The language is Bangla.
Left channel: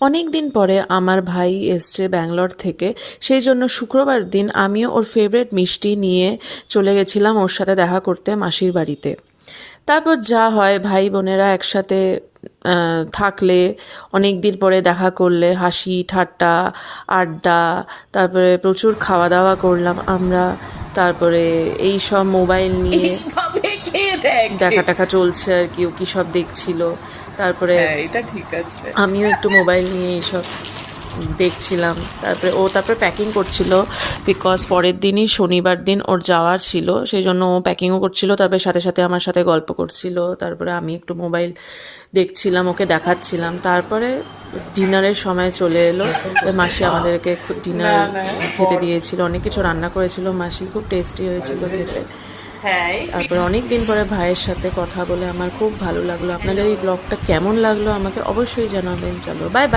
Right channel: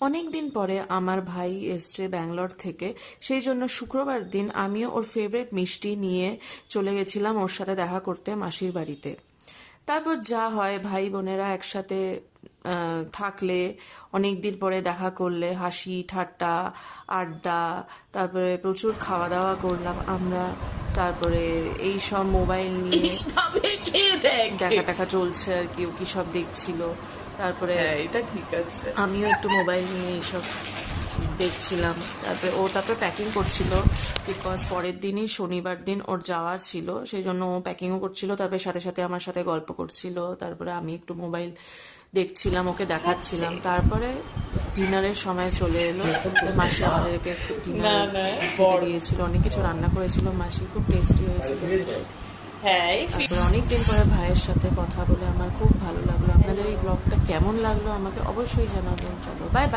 অনেক দিন পরে আমার ভাই এসছে ব্যাঙ্গালোর থেকে, সেই জন্য শুক্রবার দিন আমিও ওর ফেভারিট মিষ্টি নিয়ে চলে গেছিলাম ওর সাথে দেখা করতে মাসির বাড়িতে। তারপর যা হয়, ভাই বোনেরা একসাথে থাকলে, অনেক দিন পরে দেখা করলে, হাসি ঠাট্টা, আড্ডা, তারপরে প্রচুর খাওয়া দাওয়া করলাম আমরা। তারপরে এই সব মোবাইল নিয়ে এইভাবে কে দেখে? দেখা টাকা চলছে আর কি, ও কী সব দেখছিল। তারপরে হ্যাঁ, এটা ঠিক আছে। আমিও একটু মোবাইল নিয়ে এইসব দেখছিলাম। তারপরে প্যাকিং করছিল, বিকজ পরের দিনই শনিবার দিন ওর যাওয়ার ছিল, সেই জন্য ও প্যাকিংও করছিল। তারপরে সাথে সাথে আমার সাথে গল্প করছিল। তারপরে আমি একটু মোবাইল দেখছিলাম, ওকে দেখাচ্ছিলাম। তারপরে ডিনারের সময় চলে এলো। মাসি আমাদেরকে ডিনার খেতে দিয়েছিল, অনেক কিছু রান্না করেছিল মাসি, খুব টেস্টি হয়েছিল খেতে। হ্যাঁ, তারপরে অনেক দিন পরে ভাইয়ের সাথে কথা বলে আমার খুব ভালো লাগলো। আপনাদের এই ব্লগটা কেমন লাগলো আমাকে অবশ্যই জানাবেন। চলো, বাই বাই।